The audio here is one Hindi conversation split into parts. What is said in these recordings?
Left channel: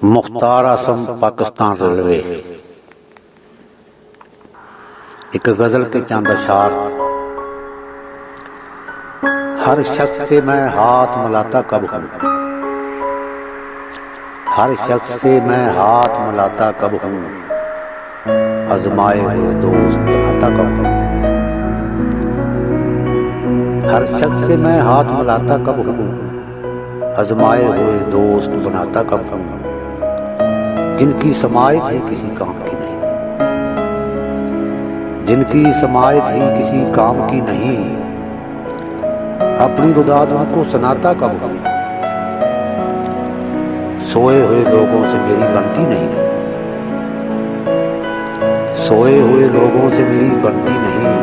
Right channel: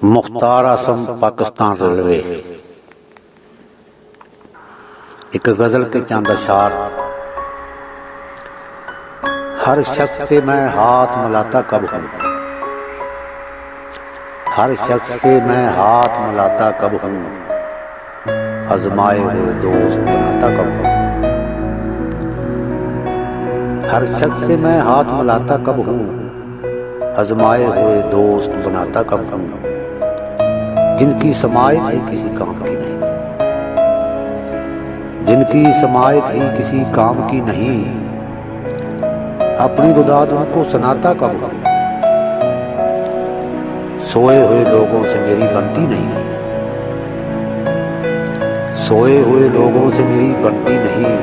मुख्तार आसम पाकिस्तान रेलवे। एक गजल के चंद अशार। हर शख्स से मैं हाथ मिलाता कब हूँ, हर शख्स से मैं हाथ मिलाता कब हूँ, आजमाए हुए दोस्त बनाता कब हूँ। हर शख्स से मैं हाथ मिलाता कब हूँ, आजमाए हुए दोस्त बनाता कब हूँ, जिनकी समायत ही किसी काम की नहीं, जिनकी समायत ही किसी काम की नहीं, अपनी रुदाद उनको सुनाता कब हूँ। सोए हुए लोगों से मेरी बनती नहीं, सोए हुए लोगों से मेरी बनती नहीं,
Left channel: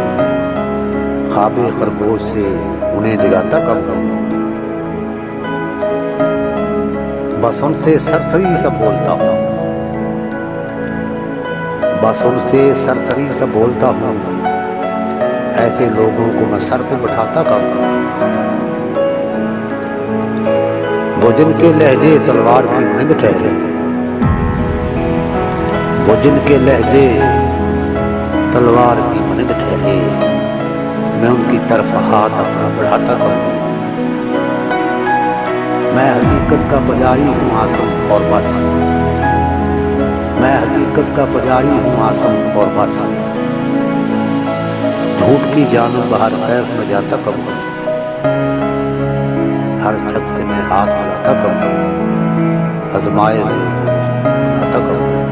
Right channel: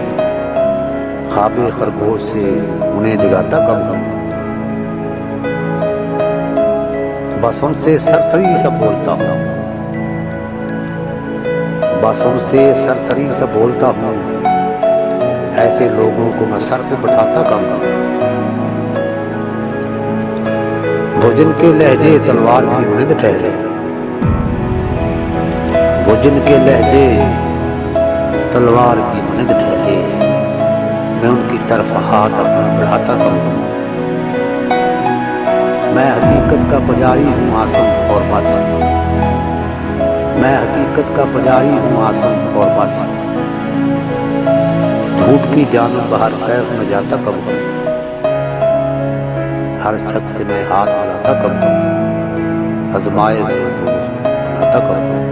ख्वाबे खरगोश से उन्हें जगाता कब हूँ। बस उनसे सरसरी सा बोलता हूँ, बस उनसे सरसरी सा बोलता हूँ, ऐसे लोगों को मैं सर पे बैठाता कब हूँ। वो जिनके लहजे तलवार की मानंद ठहरे, वो जिनके लहजे तलवार की मानंद ठहरे, मैं उनकी तरफ हाथ अपना बढ़ाता कब हूँ। मैं हकीकत का पुजारी हूँ आसम और बस, मैं हकीकत का पुजारी हूँ आसम और बस, झूठ की जानिब बाहर कैफ में जाता कब हूँ। हर शख्स से मैं हाथ मिलाता कब हूँ, आजमाए हुए दोस्त बनाता कब हूँ।